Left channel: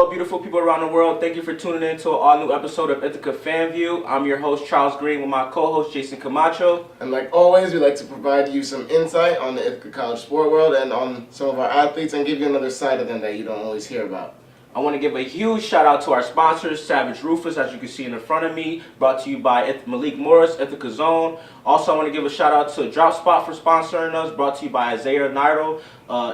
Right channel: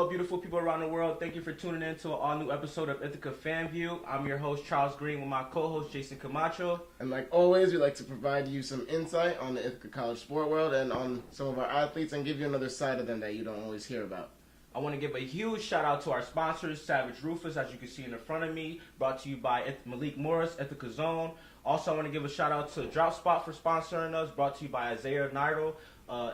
Hello, beautiful people around the world. Thank you for tuning in to an all-new episode of Ithaca Fan View. I'm your host, Charles Green, with my co-host, Jason Camacho. And like always, we like to provide you some insight on the Ithaca College sport world and on some of our athletes and give you another side of them that you don't always hear about. I want to give a huge shout out to our sponsors, Savage Rufus, as you can see in the front of me, brought to you by Malik Morris, Ithaca Zone. Also, I want to give a shout out to Drop Spot for sponsoring us, brought to you by Isaiah Nairo,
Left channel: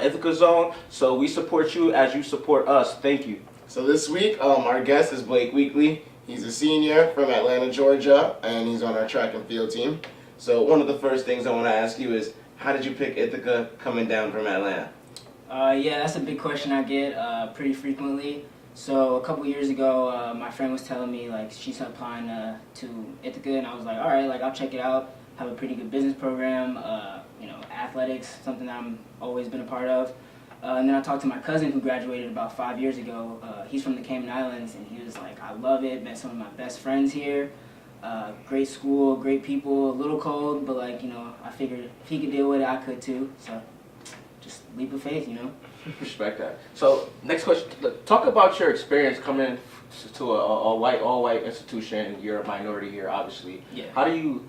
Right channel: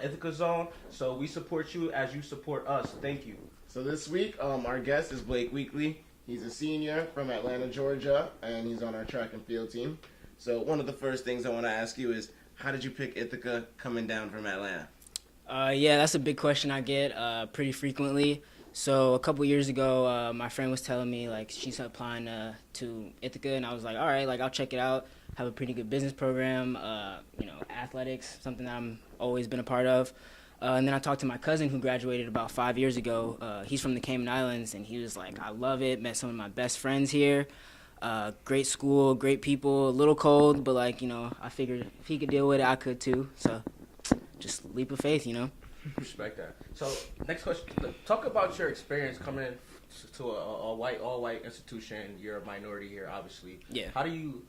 Ithaca Zone. So we support you as you support us. Thank you. So this week, our guest is Blake Weekly. He's a senior from Atlanta, Georgia, and he's on our track and field team. So one of the first things I want to ask you is, how did you pick Ithaca coming down from Atlanta? Yeah, that's a big question I get pretty frequently. So a couple years ago, my friend was telling me like she's applying to Ithaca, and I was like, all right, like I'll check it out. Have a pretty good business program, athletics, something that I'm always been a part of. And then I talked to my cousin who graduated about 5 years ago. He's from the Cayman Islands, and he was like, I love it. Met some of my best friends here. Great school, great people. A little cold, but I figured if he could deal with it, I could too. So just leap of faith, Respect that. So next question, talk about your experience coming to a white, all-white institution. You're a minority here, obviously. Yeah. How do you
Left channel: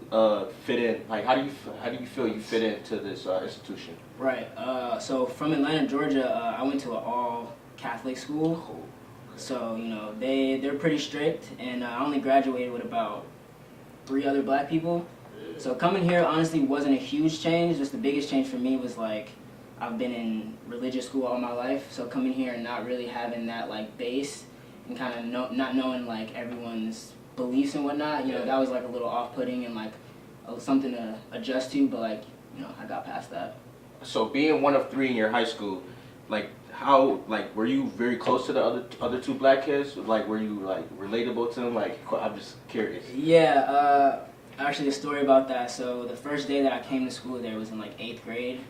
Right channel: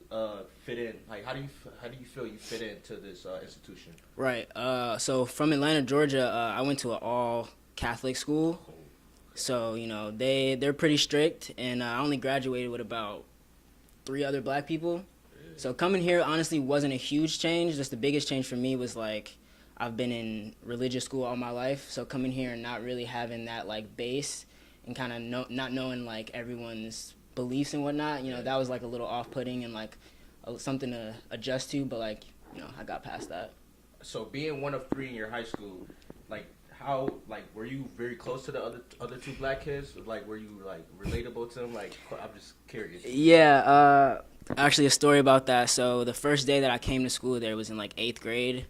fit in? Like, how do you feel you fit into this institution? Right. So from Atlanta, Georgia, I went to an all-Catholic school. So they're pretty strict, and I only graduated with about 3 other black people. So coming here honestly wasn't a huge change. Just the biggest change for me was like I've been in religious school all my life, so coming here and not really having that like base and kind of not knowing like everyone's beliefs and whatnot, that was like a little off-putting and like something to adjust to, but I got past that. So being one of 3 in your high school, were you very close to the other 2 black kids? Like, were you like relatable to them? Like, I'm just curious. Yeah, actually a story about that. So the first day that I came to school there was in like 8th grade.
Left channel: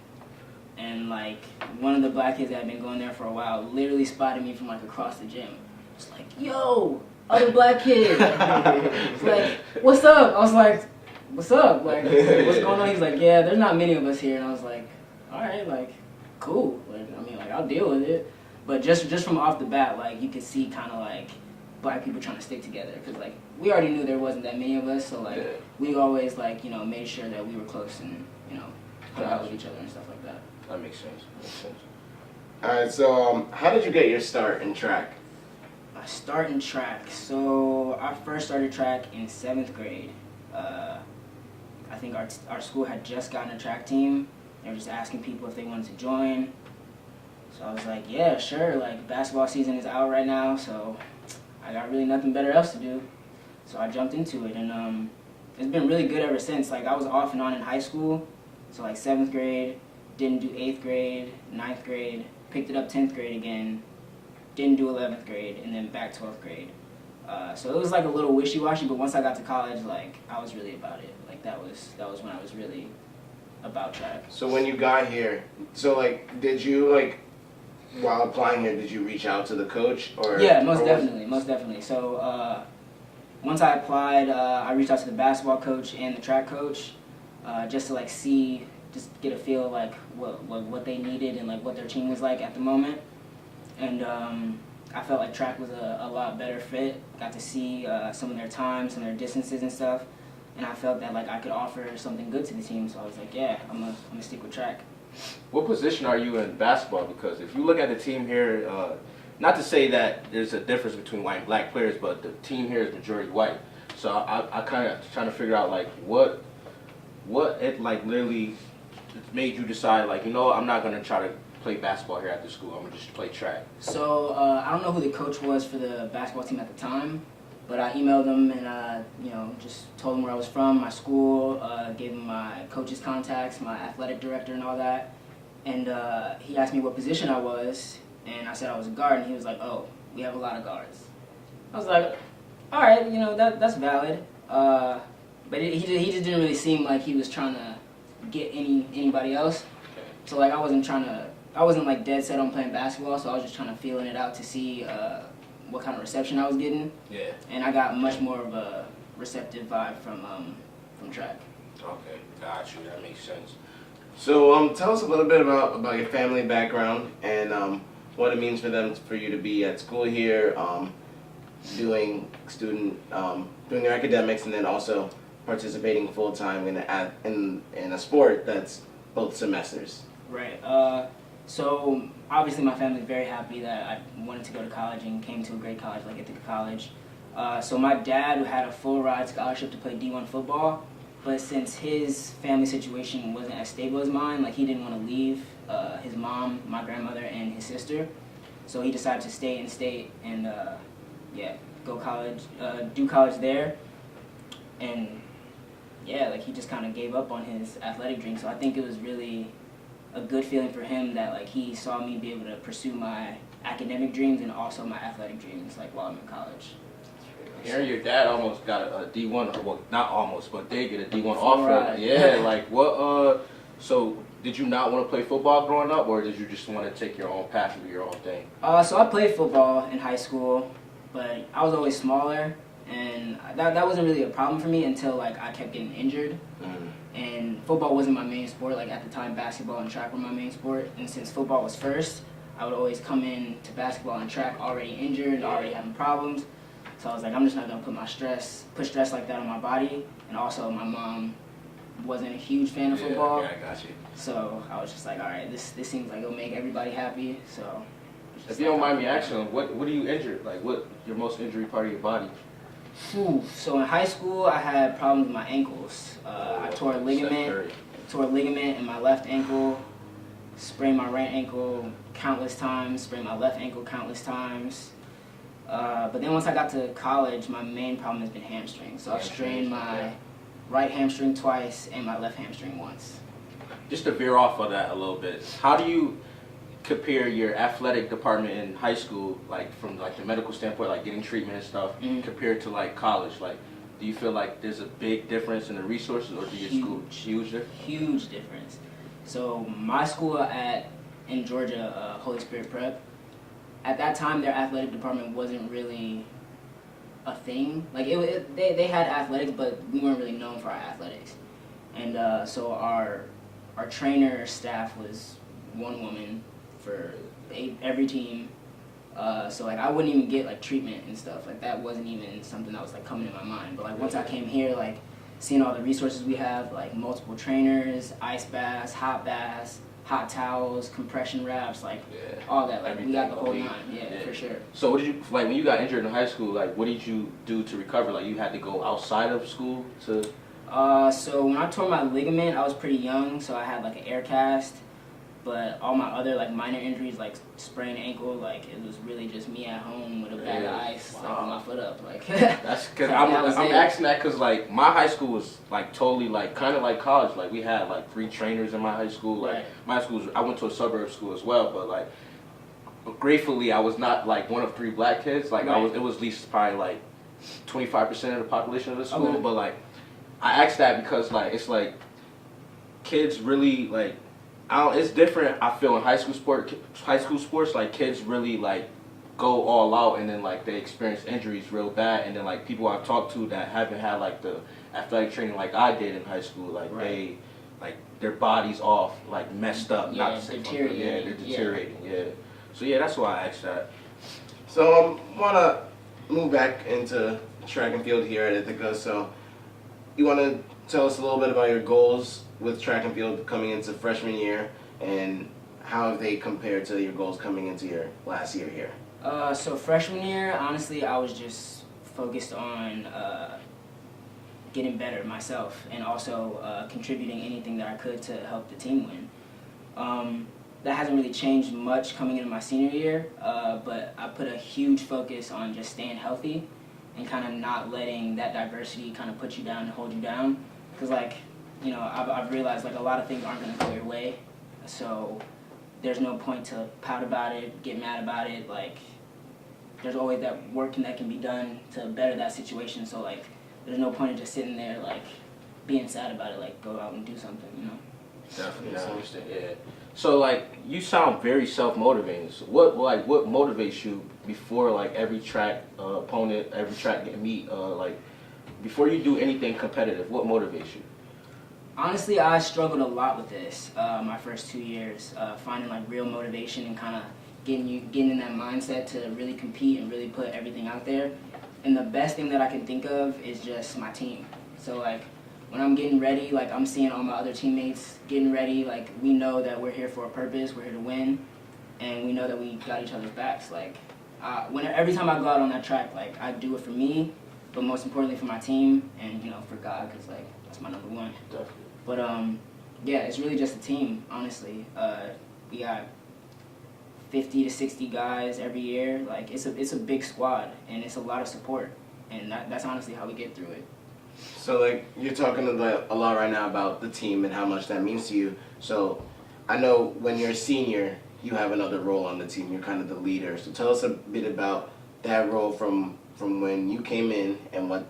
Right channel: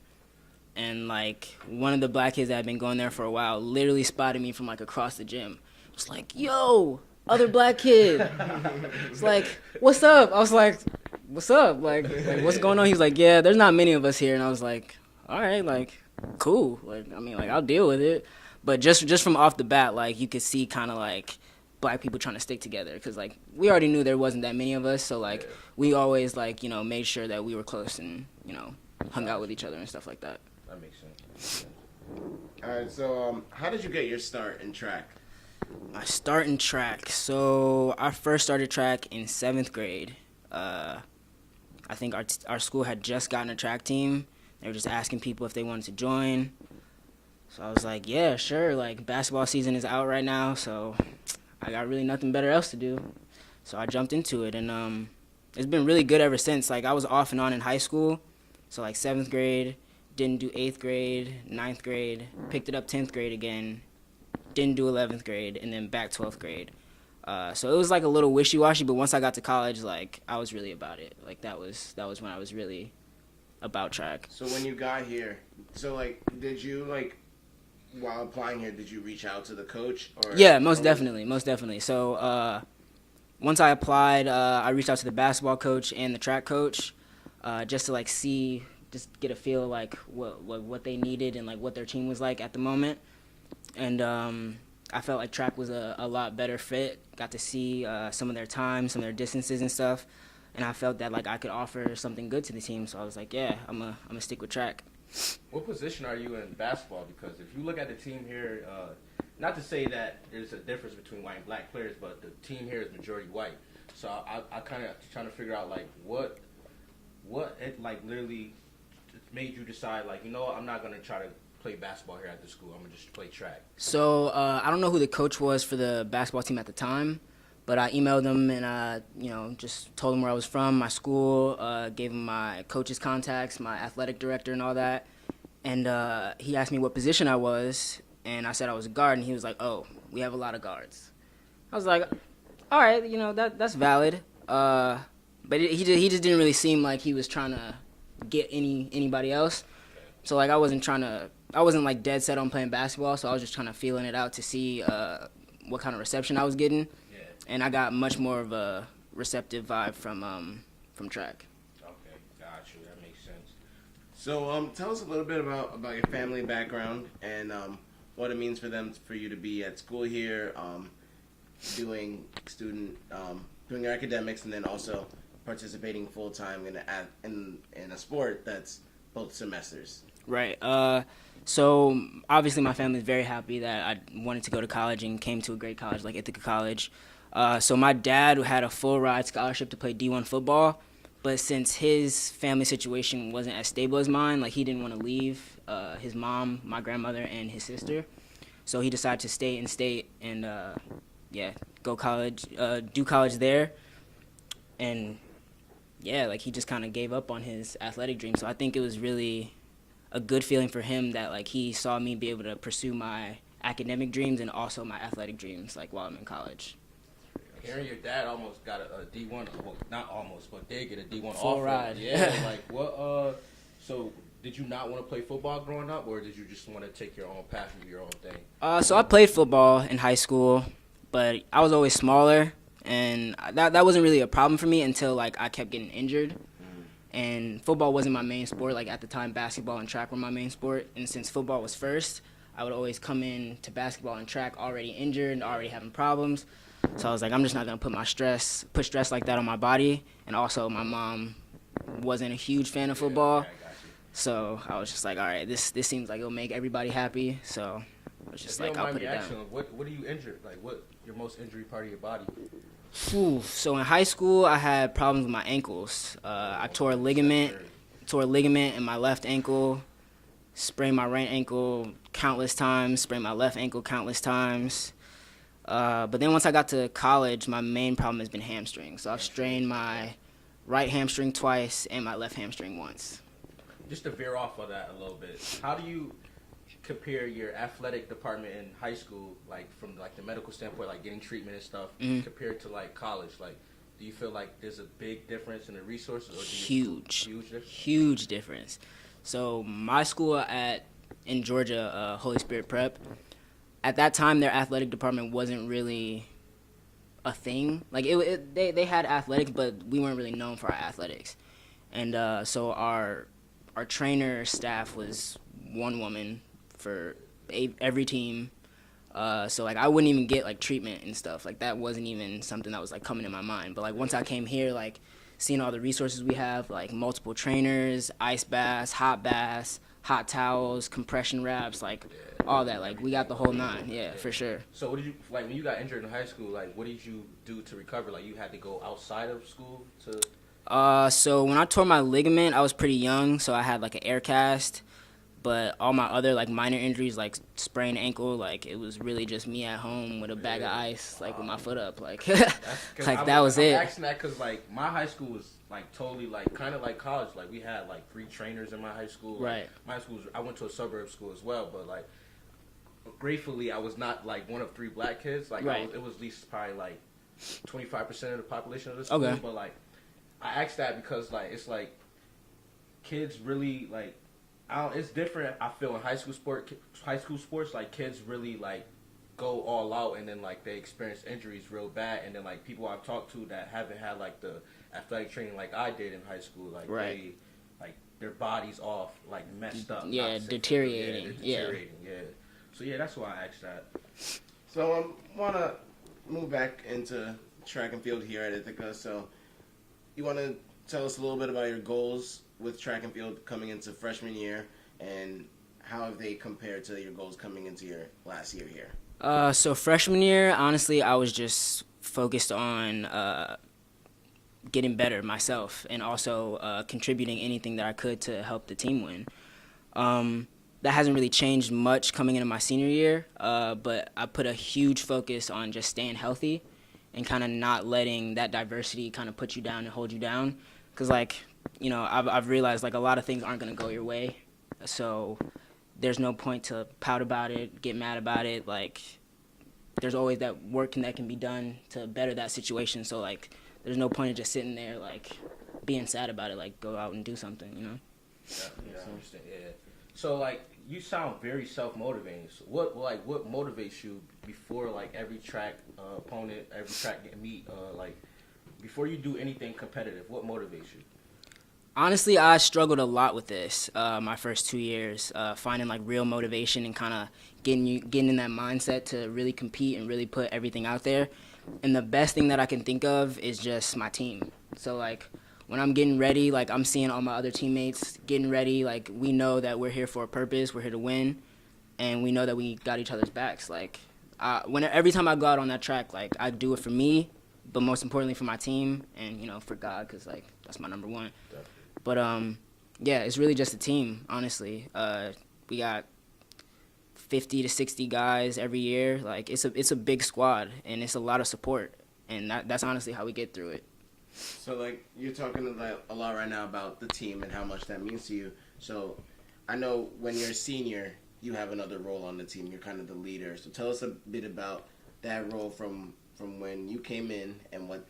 And like one of the black kids that had been going there for a while literally spotted me from like across the gym. It's like, yo, other black kid. It's like, what's up? I was like, what's up? Like, what's going on? He's like, yeah, there's not many of us here. And I was like, all right, like, cool. Like, I'll deal with it. But just from off the bat, like, you could see kind of like black people trying to stick together. Because like, we already knew there wasn't that many of us. So like, we always like, made sure that we were close and, hung out with each other and stuff like that. That makes sense. All right, so how did you get your start in track? My start in track. So I first started track in 7th grade. I think our school had just gotten a track team. They were just asking people if they wanted to join. So I was like, yeah, sure. Like, basketball season is out right now, so I got really nothing better else to do. So I jumped into it, and it's been really good ever since. Like, I was off and on in high school. So, like, 7th grade, didn't do 8th grade, 9th grade, picked it up 10th grade again, didn't do 11th grade, and then back 12th grade. So it was like a little wishy-washy, but once I got to college, like, I was really about it. Like, that was when I was really about track. So when you got here, did you, while applying here, did you reach out to the coach? Yeah, most definitely. So once I applied, I reached out to the basketball coach and the track coach just to, like, just get a feel of, like, what they needed and, like, what their team was like at the moment. And I felt like track was a lot better fit. Got to see some of their times, some of their distances and stuff. And I felt that, like, I could offer something good to the team. So I was like, yeah, I'm gonna stick with track. What position are you in basketball? Because if you look at the team here, not to say that there's a difference between white and black players, but the team here is majority white. So I kind of trying to figure out, like, what it, like, literally made you decide, like, I'm not going to try to play basketball here at the school. I'm going to just play track. So I don't know who the coach was for the basketball team at the time, but I emailed him and, just told him where I was from, my school, gave him my coach's contacts, my athletic director and all that. And he asked me what position I was, and I said I was a guard, and he was like, oh, we have a lot of guards. I was like, all right, that's valid. But he just didn't really seem like he was trying to get anybody else. So like I wasn't like dead set on playing basketball, so I was just trying to feeling it out to see what kind of reception I was getting. Yeah. And I got much more of a receptive vibe from track. Okay, got you. That makes sense. So tell us a little bit about your family background and what it means for them for you to be at school here, doing their academics, and then also participating full time in a sport that's both semesters. Right. So obviously my family is very happy that I wanted to go to college and came to a great college like Ithaca College. So my dad had a full ride scholarship to play D1 football, but since his family situation wasn't as stable as mine, like he didn't want to leave his mom, my grandmother, and his sister, so he decided to stay in state and go college, do college there, and like he just kind of gave up on his athletic dream. So I think it was really a good feeling for him that like he saw me be able to pursue my academic dreams and also my athletic dreams like while I'm in college. Aaron, your dad almost got a D1, well, not almost, but did get a D1 Full offer. ride. Yeah, like what? So did you not want to play football growing up, or did you just want to take your own path and do your own thing? So I played football in high school, but I was always smaller, and that wasn't really a problem for me until like I kept getting injured. And football wasn't my main sport. Like at the time, basketball and track were my main sport. And since football was first, I would always come in to basketball and track already injured, already having problems. So I was like, I'm just not gonna put stress like that on my body. And also, my mom wasn't a huge fan of football. Yeah, I got you. So I was just like, all right, this seems like it'll make everybody happy. So I was just If you don't mind me asking, what are you injured? Like, what your most injury part of your body? So in high school, I had problems with my ankles. I tore a ligament in my left ankle, sprained my right ankle countless times, sprained my left ankle countless times. But then once I got to college, my main problem has been hamstrings. So I've strained my right hamstring twice and my left hamstring once. Just to veer off of that a little bit, how do you compare your athletic department in high school, like from like the medical standpoint, like getting treatment and stuff, compared to like college? Like, do you feel like there's a big difference in the resources, or do you Huge difference. So my school in Georgia, Holy Spirit Prep, at that time their athletic department wasn't really a thing. Like they had athletics, but we weren't really known for our athletics. And so our trainer staff was one woman for every team. So like I wouldn't even get like treatment and stuff. Like that wasn't even something that was like coming to my mind. But like once I came here, like seeing all the resources we have, like multiple trainers, ice baths, hot towels, compression wraps, like all that. Like we got the whole nine. Yeah, for sure. So what did you, like when you got injured in high school, like what did you do to recover? Like you had to go outside of school to? So when I tore my ligament, I was pretty young, so I had like an air cast. But all my other like minor injuries, like sprained ankle, like it was really just me at home with a bag of ice, like with my foot up, like. That's because like, I'm asking that because like my high school was like totally like kind of like college. Like we had like 3 trainers in my high school. Like my school, I went to a suburb school as well, but like gratefully I was not like one of 3 black kids. Like it was at least probably like 25% of the population of the school. Okay. But like I asked that because like it's like kids really like. It's different. I feel in high school sports, like kids really like go all out, and then like they experience injuries real bad, and then like people I've talked to that haven't had like the athletic training like I did in high school, like they like their bodies off, like messed up, deteriorating. Yeah, they're deteriorating. Yeah. So yeah, that's why I asked that. So wanna move back into track and field here at Ithaca. So you wanna tell us a little bit about your goals with track and field coming into freshman year, and how have they compared to your goals coming into your last year here? So freshman year, honestly, I was just focused on getting better myself and also contributing anything that I could to help the team win. That hasn't really changed much coming into my senior year, but I put a huge focus on just staying healthy and kind of not letting that diversity kind of put you down and hold you down. Because like, you know, I've realized like a lot of things aren't going to go your way, so there's no point to pout about it, get mad about it. Like there's always that working that can be done to better that situation. So like there's no point in just sitting there like being sad about it. Like go out and do something, you know. Definitely, I understand. Yeah. So like you sound very self-motivating. So what motivates you before like every track opponent, every track meet, like before you do anything competitive? What motivates you? Honestly, I struggled a lot with this my first 2 years, finding like real motivation and kind of getting in that mindset to really compete and really put everything out there. And the best thing that I can think of is just my team. So like when I'm getting ready, like I'm seeing all my other teammates getting ready, like we know that we're here for a purpose, we're here to win, and we know that we got each other's backs. Like every time I go out on that track, like I do it for me, but most importantly for my team and for God, because like that's my number one. But yeah, it's really just a team, honestly. We got 50 to 60 guys every year. Like it's a big squad and it's a lot of support, and that's honestly how we get through it. So like you're talking a lot right now about the team and how much that means to you. So I know when you're a senior, you have another role on the team. You're kind of the leader. So tell us a bit about that role from when you came in and what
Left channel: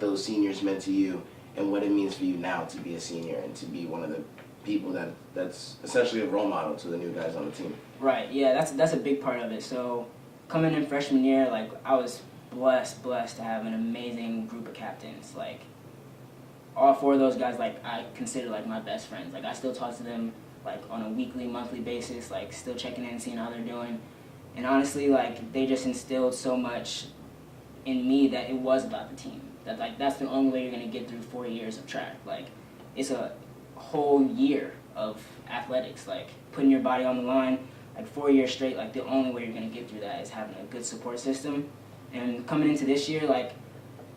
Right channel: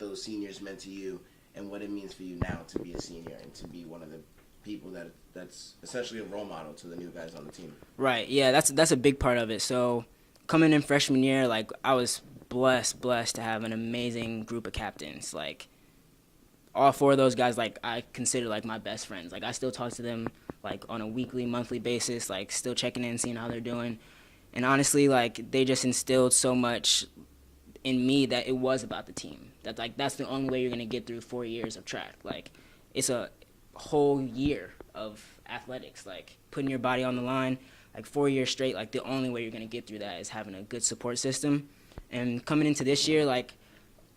those seniors meant to you and what it means for you now to be a senior and to be one of the people that's essentially a role model to the new guys on the team. Right. Yeah, that's a big part of it. So coming in freshman year, like I was blessed to have an amazing group of captains. Like all four of those guys, like I consider like my best friends. Like I still talk to them like on a weekly, monthly basis, like still checking in, seeing how they're doing. And honestly, like they just instilled so much in me that it was about the team. That like that's the only way you're gonna get through 4 years of track. Like it's a whole year of athletics, like putting your body on the line, like 4 years straight. Like the only way you're gonna get through that is having a good support system. And coming into this year, like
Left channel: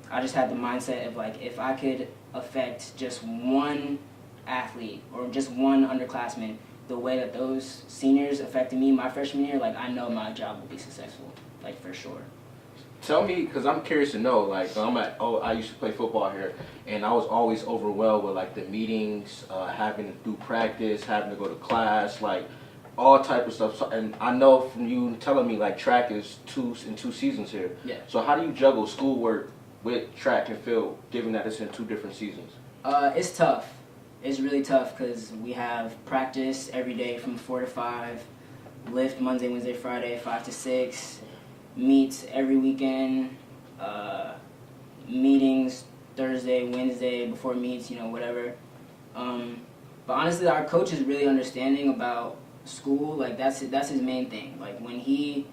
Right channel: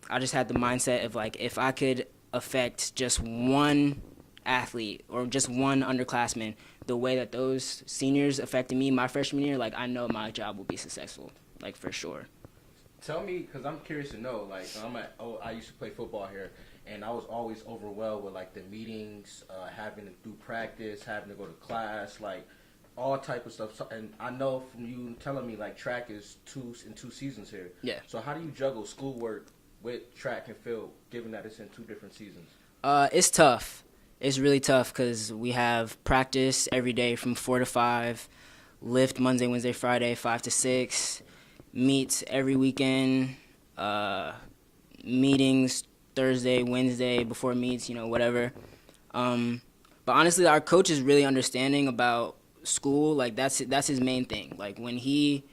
I just had the mindset of like if I could affect just one athlete or just one underclassman the way that those seniors affected me my freshman year, like I know my job will be successful, like for sure. Tell me, because I'm curious to know, like, I used to play football here, and I was always overwhelmed with, like, the meetings, having to do practice, having to go to class, like, all type of stuff. So, and I know from you telling me, like, track is two seasons here. Yeah. So how do you juggle schoolwork with track and field, given that it's in 2 different seasons? It's tough. It's really tough because we have practice every day from 4 to 5, lift Monday, Wednesday, Friday, 5 to 6, meets every weekend, meetings Thursday, Wednesday, before meets, whatever. But honestly, our coach is really understanding about school. Like that's his main thing. Like when he's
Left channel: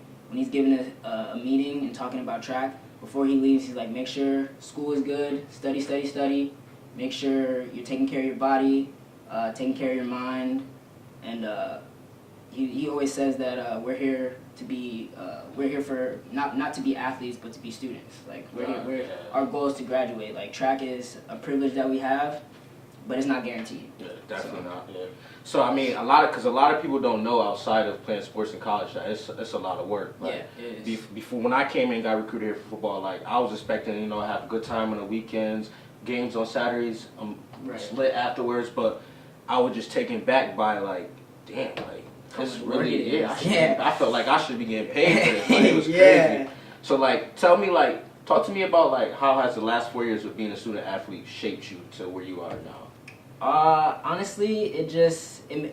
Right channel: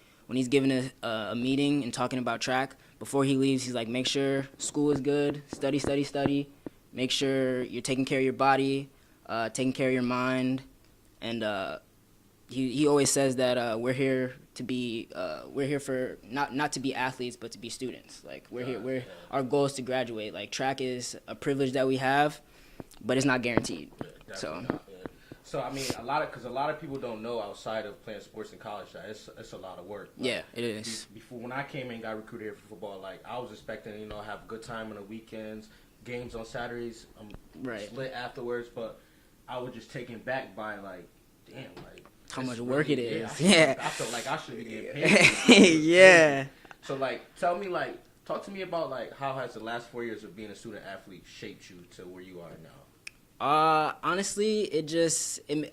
giving a meeting and talking about track, before he leaves, he's like, make sure school is good, study. Make sure you're taking care of your body, taking care of your mind, and he always says that we're here for not to be athletes, but to be students. Like our goal is to graduate. Like track is a privilege that we have, but it's not guaranteed. Yeah, definitely not. Yeah. So I mean, a lot of people don't know outside of playing sports in college that it's a lot of work. Like, yeah, it is. Before when I came in and got recruited here for football, like I was expecting to have a good time on the weekends, games on Saturdays, Right. lit afterwards, but I was just taken back by like, damn, like How this much work it really, is. I felt like I should be getting paid for this. Like, it was Yeah. crazy. So like, talk to me about like how has the last 4 years of being a student athlete shaped you to where you are now? Honestly,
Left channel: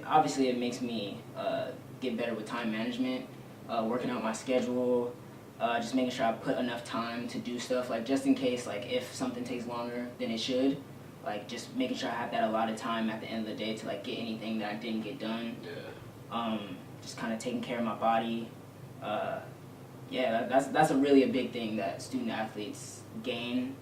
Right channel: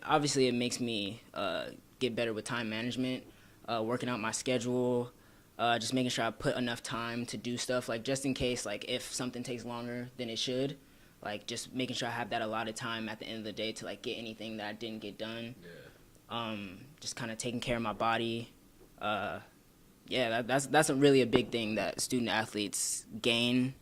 obviously it makes me get better with time management, working out my schedule, just making sure I put enough time to do stuff, like just in case, like if something takes longer than it should, like just making sure I have that allotted time at the end of the day to like get anything that I didn't get done. Yeah. Just kind of taking care of my body. Yeah, that's really a big thing that student athletes gain.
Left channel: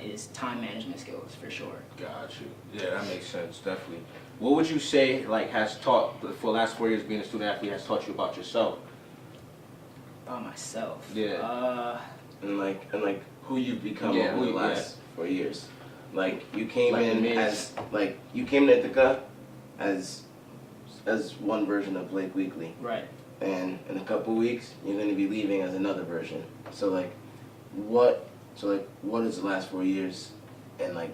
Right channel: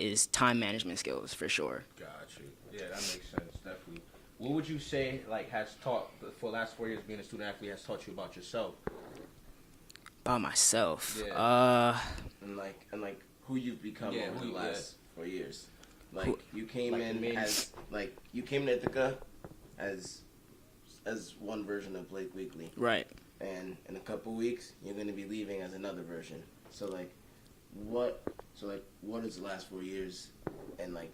Is time management skills for sure. Got you. Yeah, that makes sense, definitely. What would you say has taught for the last 4 years being a student athlete has taught you about yourself? About myself. Yeah. And like who you've become Yeah, over the last 4 years. Like you came Like in me. you came to Ithaca as one version of Blake Weekly. Right. And in a couple weeks you're gonna be leaving as another version. So what has the last 4 years and like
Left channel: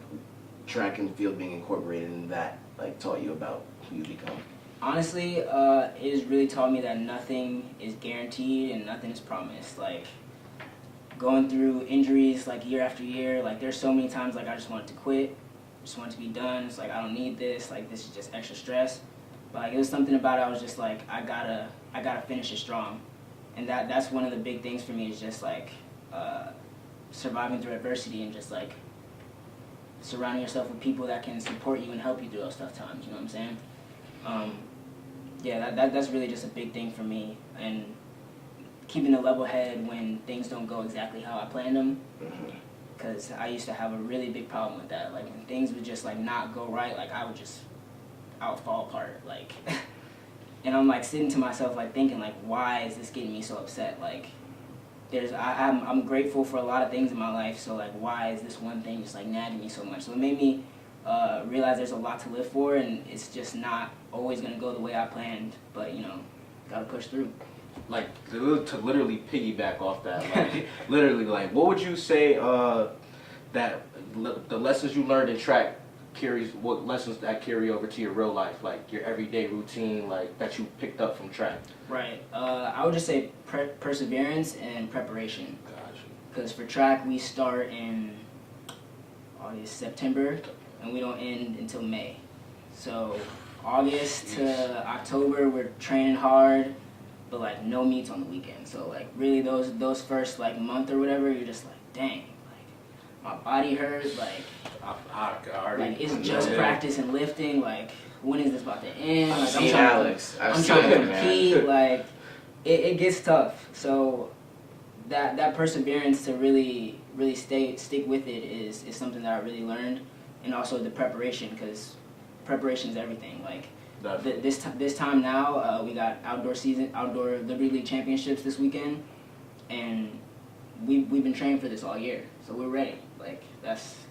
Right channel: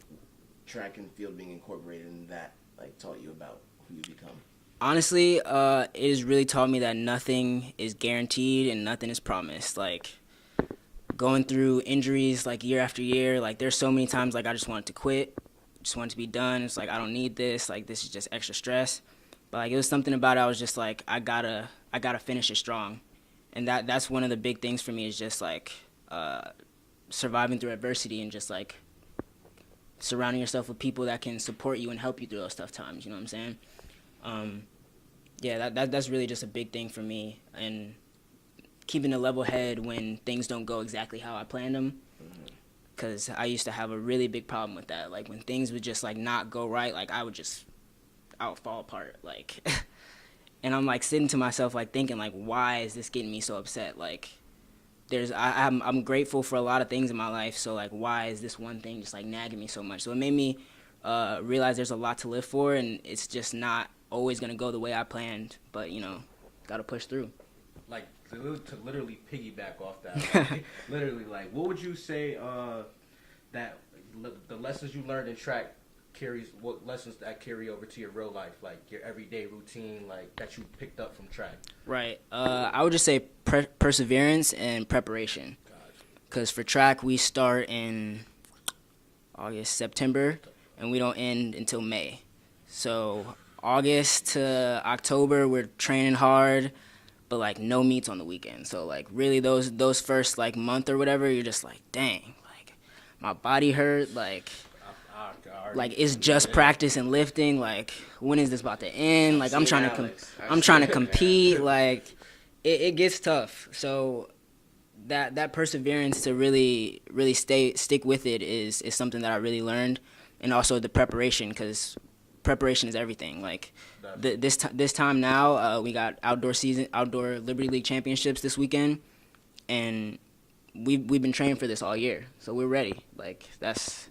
track and field being incorporated in that like taught you about who you become? Honestly, it has really taught me that nothing is guaranteed and nothing is promised. Like going through injuries like year after year, like there's so many times like I just wanted to quit, just wanted to be done. It's like I don't need this, like this is just extra stress. But like it was something about it, I was just like I gotta finish it strong. And that's one of the big things for me is just like surviving through adversity and just like surrounding yourself with people that can support you and help you through those tough times, you know what I'm saying? yeah, that's really just a big thing for me, and keeping a level head when things don't go exactly how I planned them. Because I used to have a really big problem with that. Like, when things would just, like, not go right, like, I would fall apart. Like, and I'm, like, sitting to myself, like, thinking, like, why is this getting me so upset? Like, I'm grateful for a lot of things in my life, so, like, why is this one thing just, like, nagging me so much? So it made me realize there's a lot to live for, and it's just not always going to go the way I planned. But, you know, got to push through. Like, to literally piggyback off that, like, literally, like, what would you say that the lessons you learned in track what lessons that carry over to your real life, like your everyday routine, like, that you picked up from track? Right. I would just say perseverance and preparation. Gotcha. Because for track, we start in September, and we don't end until May. So August to October, we're training hard, but, like, no meets on the weekend. So, like, really those first, like, month or whatever, you're just like, dang, like, my body hurts, like it's just practice and lifting. Like, when is this about to end? Like, I'm trying to compete. Like, it gets tough. So that perseverance to really stick with it is something that I really learned, and also the preparation, because preparation is everything. Like, this time now, we got outdoor Liberty League championships this weekend, and we've been training for this all year, so we're ready. Like, that's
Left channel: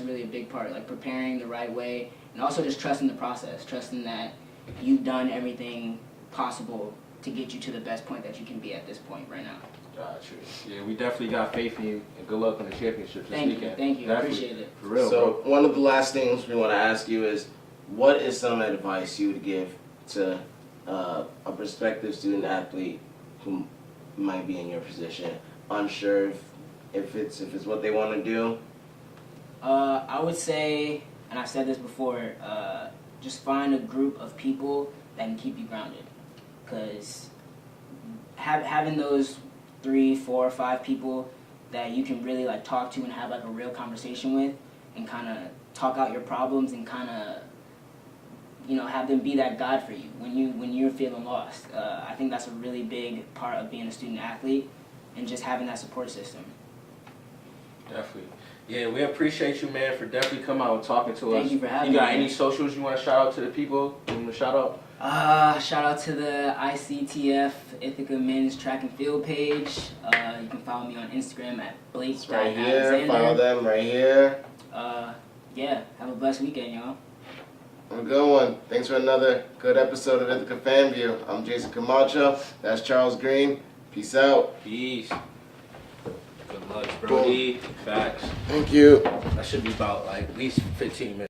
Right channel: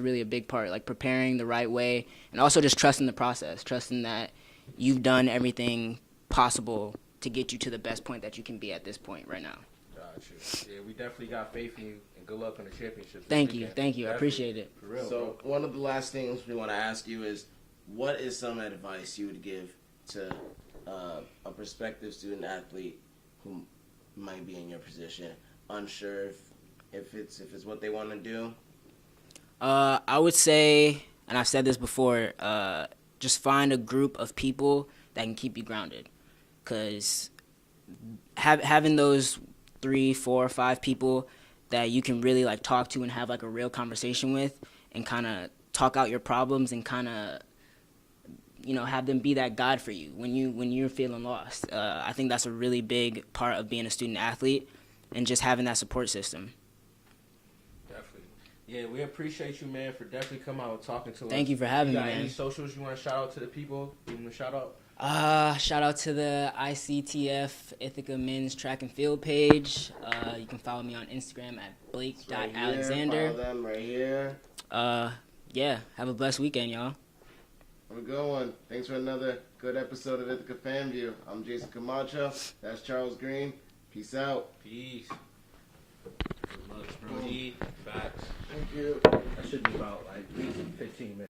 really a big part. Like, preparing the right way, and also just trusting the process, trusting that you've done everything possible to get you to the best point that you can be at this point right now. Gotcha. Yeah, we definitely got faith in you, and good luck on the championship. Thank you. Definitely. I appreciate it. For real, So one of the last things we want to ask you is, what is some advice you would give to a prospective student athlete who might be in your position, unsure if it's what they want to do? I would say, and I've said this before, just find a group of people that can keep you grounded. Because having those 3, 4, 5 people that you can really, like, talk to and have, like, a real conversation with, and kind of talk out your problems, and kind of, you know, have them be that guide for you when you're feeling lost. I think that's a really big part of being a student athlete, and just having that support system. Definitely. Yeah, we appreciate you, man, for definitely coming out and talking to us. Thank you for having me. You got man. any socials you want to shout out to the people? You want to shout out? Shout out to the ICTF Ithaca Men's Track and Field page. You can follow me on Instagram at Right here, Blake.Alexander. follow them right here. Yeah, have a blessed weekend, y'all. A good one. Thanks for another good episode of Ithaca Fan View. I'm Jason Camacho. That's Charles Green. Peace out. Peace. Good luck, bro. Facts. Thank you. That should be about, like, at least 15 minutes.